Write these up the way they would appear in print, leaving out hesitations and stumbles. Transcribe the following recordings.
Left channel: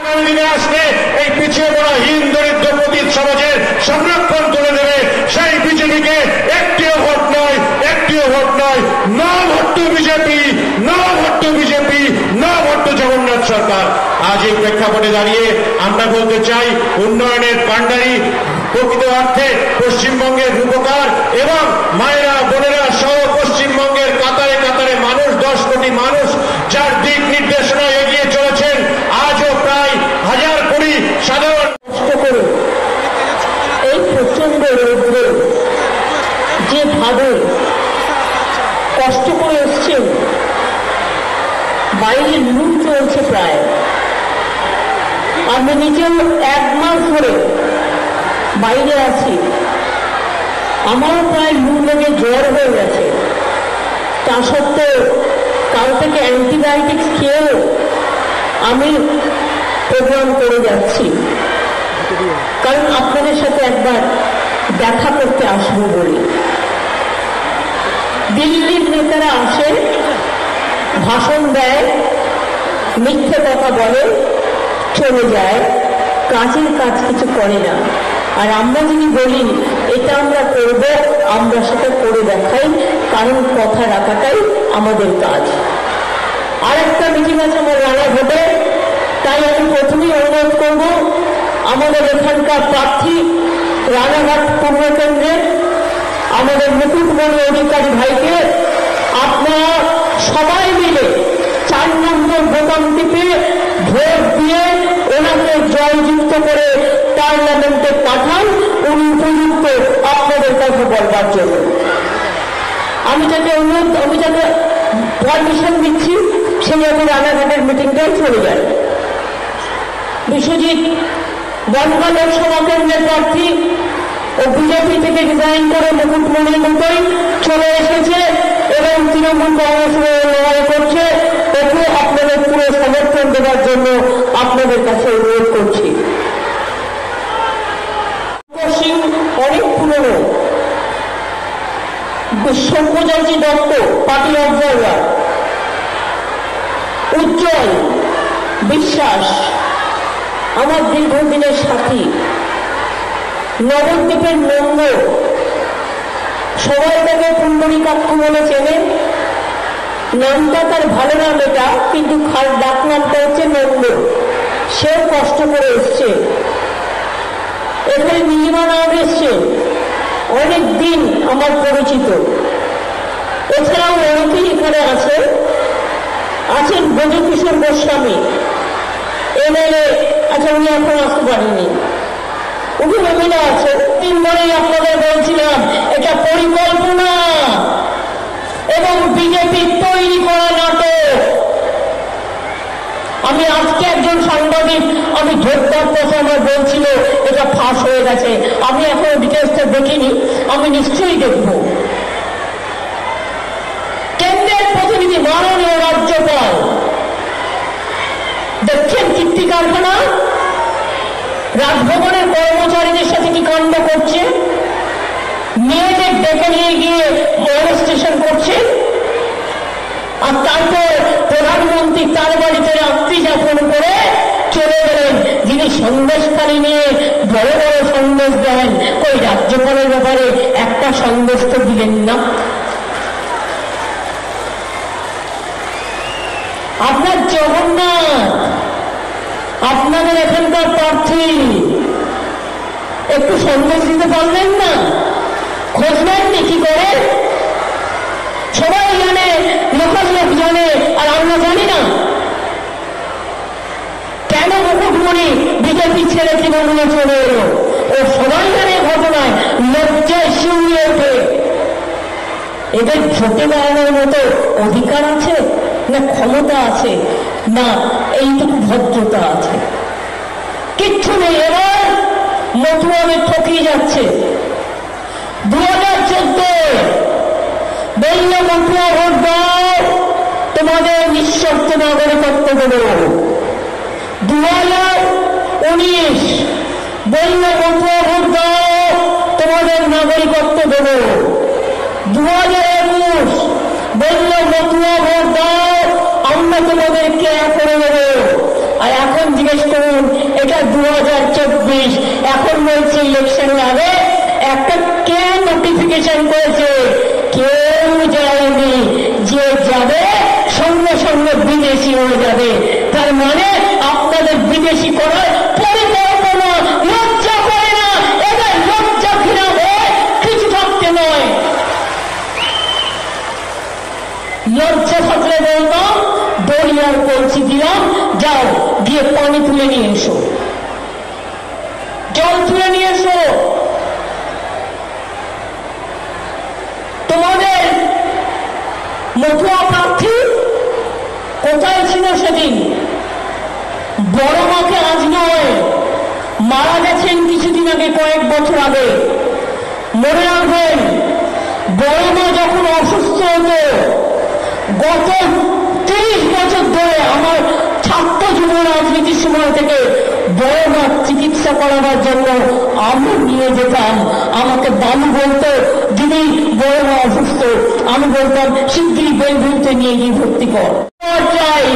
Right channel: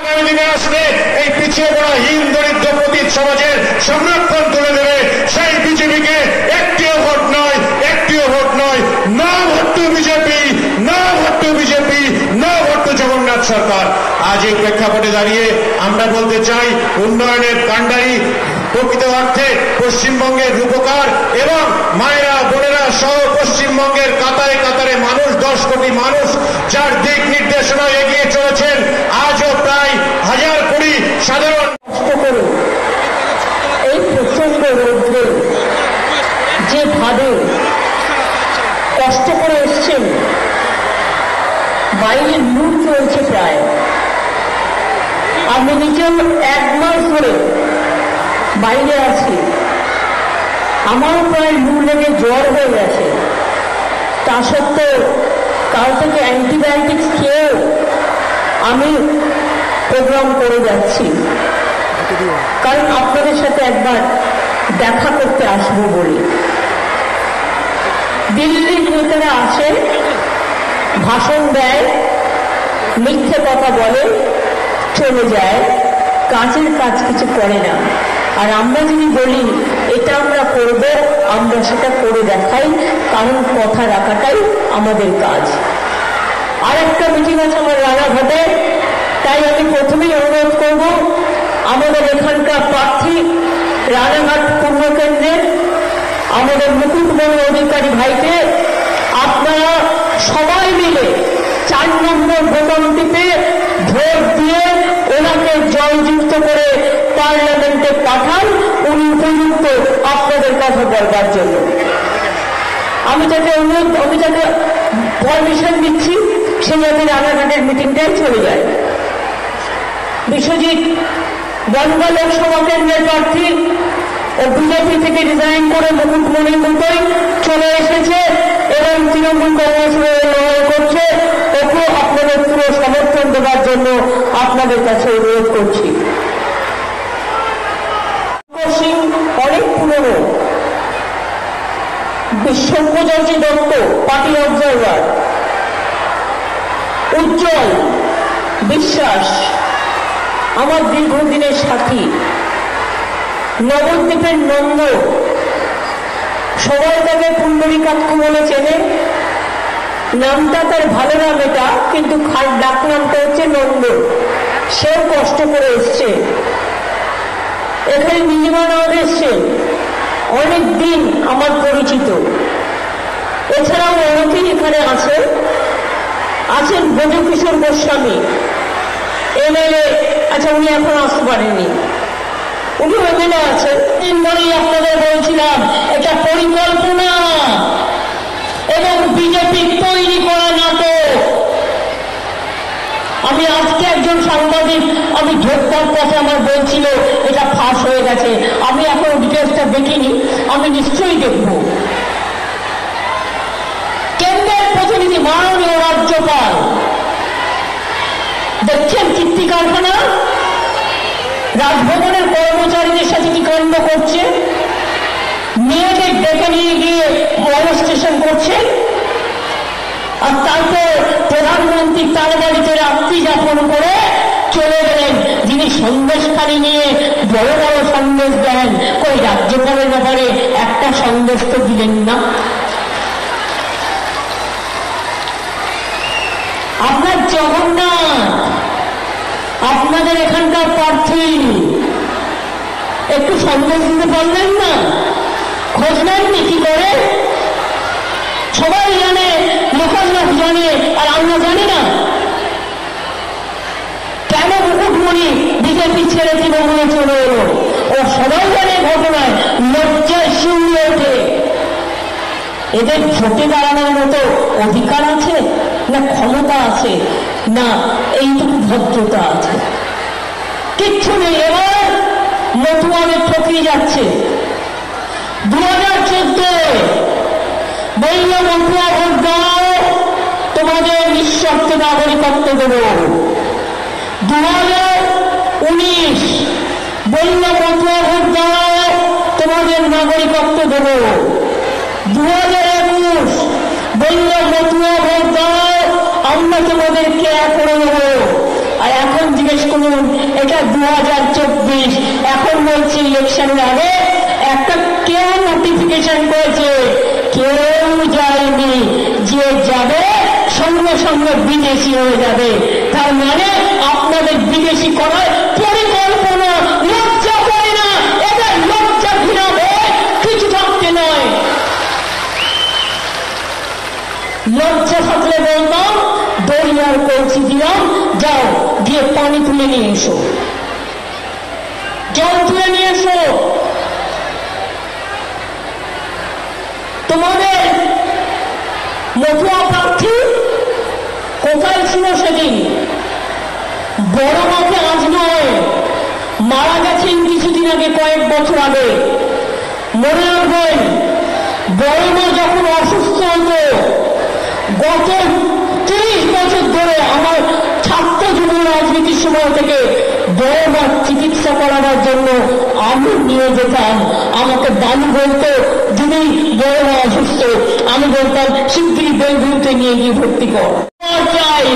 দিনে আসলে এই পিছিয়ে পড়া হীন দরিদ্র পতিত সমাজের সংরক্ষণ তুলে দেবে সেই বিজেপিকে একটিও ভোট নয়, একটিও ভোট নয়। না ভোট টু বিজেপি, না ভোট টু বিজেপি, না ভোট টু জগন্নাথ সরকার। আজ এই প্রেক্ষাপটে দাঁড়িয়ে আমরা বলতে চাই, উন্নয়নের কাণ্ডারি প্রকৃত অর্থে পশ্চিমবঙ্গের রূপকার এবং মায়েরা বোনেরা সহ পশ্চিমবঙ্গের কাতারে কাতারে মানুষ, 10 কোটি মানুষ যার দিক নির্দেশনায় এগিয়ে চলেছেন। আজও প্রায় 1000 কোটি সাধারণ কষ্ট করে এই প্রচন্ড রৌদ্রে যেভাবে কষ্ট করে এসছেন, বাইরে লু চলছে প্রায়। আমি নিজেও 1 মাস ধরে বাইরে আছি, আমারও প্রায় লু লেগে জ্বর হয়ে গেছে। তা সত্ত্বেও কাল থেকে অ্যান্টিবায়োটিক্স খেয়েও আমি প্রোগ্রাম করে যাচ্ছি, কারণ আপনাদের সাথে একবার দেখা করতে আসবো বলে। দিল্লির নেতারা আসে, ভাষণ দেয়, মিথ্যে কথা বলে, চলে যায়, কাজের কাজ কিছু করে না। আর আমরা যদি বলি এটা আমরা করব, আমরা সেটা করে দেখাই, কারণ কথা রাখাটাই আমাদের কাজ। আরেকটা মিটিং আছে আমার রানাঘাটে, তাই আমি প্রথমেই অনুরোধ করব আমাদের এখানকার প্রার্থী রানাঘাট পূর্ব কেন্দ্রের আমাদের মুকুটমণি অধিকারী ভাইকে আপনারা সবাই মিলে 4 নম্বর বোতাম টিপে ভোট দিয়ে ওনাকে জয়যুক্ত করে পার্লামেন্টে পাঠান। উনি উপযুক্ত আপনাদের কথা বলবার জন্য। আমি তাকে পারমিশন দিচ্ছি, সেই আমি রানাঘাটের মিটিংটাই চলে যাই। বিশ্বজিৎ গঙ্গা লোকসভা কেন্দ্রের প্রার্থী ও বিজেপি থেকে রিজাইন করে মুকুটমণির মতোই চলে এসেছে এবং তৃণমূল কংগ্রেসের লড়াই করছে। ওকে আপনাদের পুরো সমর্থন দেওয়ার জন্য আপনাদের কাছে অনুরোধ করছি। সিং অনেক পুরনো, সব্যসাচী দত্ত পার্টি অবজারভার, উজ্জ্বল বিশ্বাস আমার দীর্ঘদিনের সাথী, নবদ্বীপের নন্দ, সবাই তাকে পুণ্ডরীকাক্ষ বলে চেনে। নামটা তার ভালো নাম এটা, কিন্তু ডাক নামটা হচ্ছে নন্দ। সে কষ্ট করে এসছে, এখানে নীলিমানাথ এসছে, অনেক দিন আমার পরিচিত। এছাড়াও অনেকেই এখানে আছেন ব্রজকিশোর গোস্বামী এমএলএ। আচ্ছা, উনি এখন আসতে পারেননি, উনি এমএলএ আছেন। 3 দিনেই আপনাদের বলছিলাম এটা পরিকল্পনা এবং বিজেপি তৈরি করা নাটক। আমি আজকে একজন সাংবাদিক আমি ধরতার কথা আমার বলছিল এটা ফাঁস হয়ে গেছে। আমি এখন ডিটেলসটা দেখিনি, আমি নিশ্চয়ই দেখব। কেন্দ্রের প্রতিনিধি মাননীয় রাজ্যপাল দেখছেন কীর্তি কারখানা, রাজভবনের কর্মচারীদের সাথে কি কাণ্ড করছে, মেয়েদের ডেকে নিয়ে গিয়ে মনস্টেশন করছে। আর তারপর প্রধানমন্ত্রী তার বাড়িতে রাত্রি যাপন করে চলে গেলেন, যিনি সন্দেশকারী নিয়ে বড় বড় সন্দেশ দেন। ওই রাজ্যপালের ব্যাপারে একটা সন্দেশ তো দিলেন না। আপনার জগন্নাথ, আপনাদের এখানকার প্রার্থী, একটু সন্দেশ দিতে পারলেন না? খোঁজ নেননি কি করে? সবাই জানে, লেখার লোক জানে, আর আমরা জানি না। কেন মুকুটমণি বিজেপি ছেড়ে তৃণমূলে চলে এলো? ও সবাই জানে ঘটনা, লজ্জায় শিউরে ওঠে। এদের ভোটে দাঁড়ানোর মতো অধিকার আছে না ক্ষমতা আছে না এইটুকু ভদ্রতা আছে? কিচ্ছু নেই। এবার মতুয়ারে ঠকিয়ে যাচ্ছে। 2014 বলল মতুয়া ভোট দাও, তোমাদের নিঃশর্ত নাগরিকত্ব দেব। 2019 বলল মতুয়া ভোট দাও, তোমাদের নাগরিকত্ব দেব। 2021 বলল মতুয়া ভোট দাও, আমরা তোমাদের কেয়ার করে নেব। আর এখন জিজ্ঞেস করুন, এটা 2024, এখন বলছে ইলেকশন আগে একটা কেউ নোটিফিকেশন করেছে, কেউ যায়নি, যে যাবে সঙ্গে সঙ্গে বিদেশি হয়ে যাবে। তার মানে আপনাদের বিদেশি করার পরিকল্পনা, লজ্জা করে না, এটা লজ্জা ঘৃণা হয়ে কিছু থাকতে নয়। লজ্জা থাকলে বলতাম দরিয়ার কলসি দিলাম, যাও গিয়ে পানি তুলে নিয়ে এসো, জল তুলে নিয়ে এসো। তোমাদের মতুয়া প্রার্থী কোথায় ছিল সেদিন? বড় মাকে আজ নয়, মারা গেছেন কিছুদিন আগে, কয়েক বছর আগে। মনে রাখবেন, বড় মা যখন অসুস্থ হতো, গত 30 বছর ধরে আমার ছাত্র জীবন রাজনীতির সময় থেকে বড় মা চিকিৎসা করানোর জন্য আমি নিয়ে যেতাম। আমাকে দানি বলতো, দিদি বড় মা অসুস্থ, আমি বলতাম শিগগিরই বেলভিউতে নিয়ে গিয়ে ভর্তি কর। চাই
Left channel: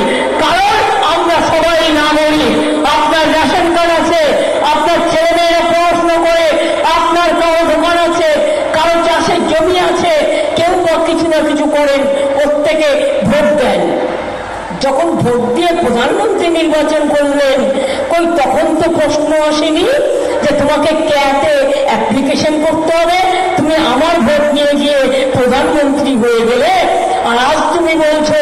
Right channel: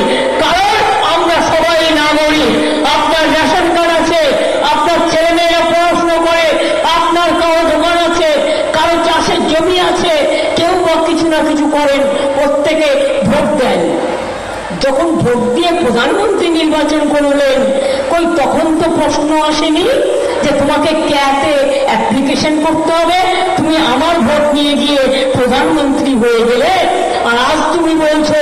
কারণ আমরা সবাই না বলি, আপনার রেশন কার্ড আছে, আপনার ছেলে মেয়েরা পড়াশোনা করে, আপনার কারো দোকান আছে, কারো চাষের জমি আছে, কেউ বা কিছু না কিছু করেন, প্রত্যেকে ভোট দেন। যখন ভোট দিয়ে প্রধানমন্ত্রী নির্বাচন করলেন, কই তখন তো প্রশ্ন আসেনি যে তোমাকে ক্যাতে অ্যাপ্লিকেশন করতে হবে, তুমি আমার ভোট নিয়ে গিয়ে প্রধানমন্ত্রী হয়ে গেলে। আর আজ তুমি বলছো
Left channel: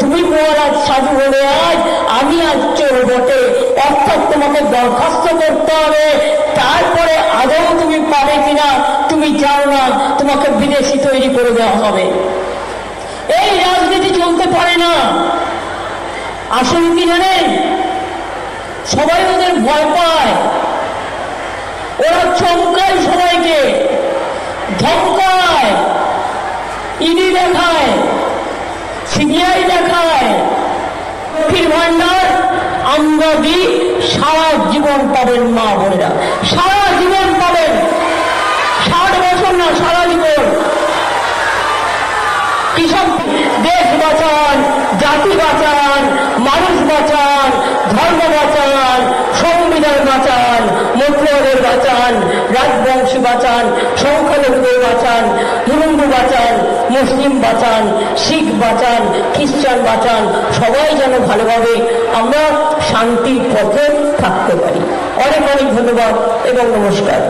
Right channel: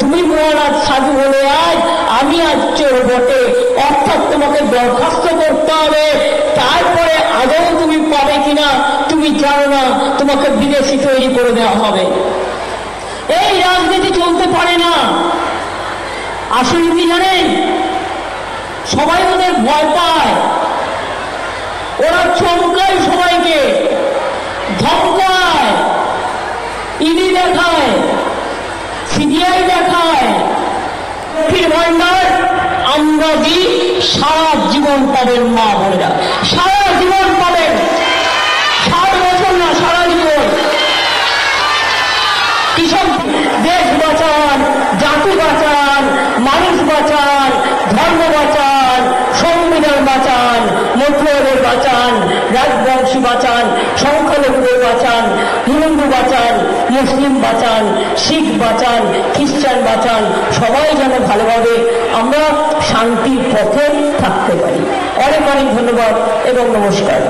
তুমি মহারাজ সাধু হলে আজ আমি আজ চোর বটে, অর্থাৎ তোমাকে দরখাস্ত করতে হবে, তারপরে আদৌ তুমি পাবে কিনা তুমি জানো না, তোমাকে বিদেশি তৈরি করে দেওয়া হবে। এই রাজনীতি চলতে পারে না। আসলে কি জানেন, সবাই ওদের ভয় পায়, ওরা চমকায়, সবাইকে ধমকায়, ইডি দেখায়, সিবিআই দেখায়, লক্ষ্মীর ভান্ডার আমরা দিই, সারা জীবন পাবেন মা বোনেরা, সারা জীবন পাবেন, 60 বছর না, সারা জীবন। কিসব দেশ বাঁচান, জাতি বাঁচান, মানুষ বাঁচান, ধর্ম বাঁচান, সংবিধান বাঁচান, মতুয়াদের বাঁচান, রাজবংশী বাঁচান, সংখ্যালঘুদের বাঁচান, হিন্দু বাঁচান, মুসলিম বাঁচান, শিখ বাঁচান, খ্রিস্টান বাঁচান, সবাই যেন ভালোভাবে আমরা শান্তির পথে থাকতে পারি। অনেক অনেক ধন্যবাদ এবং নমস্কার।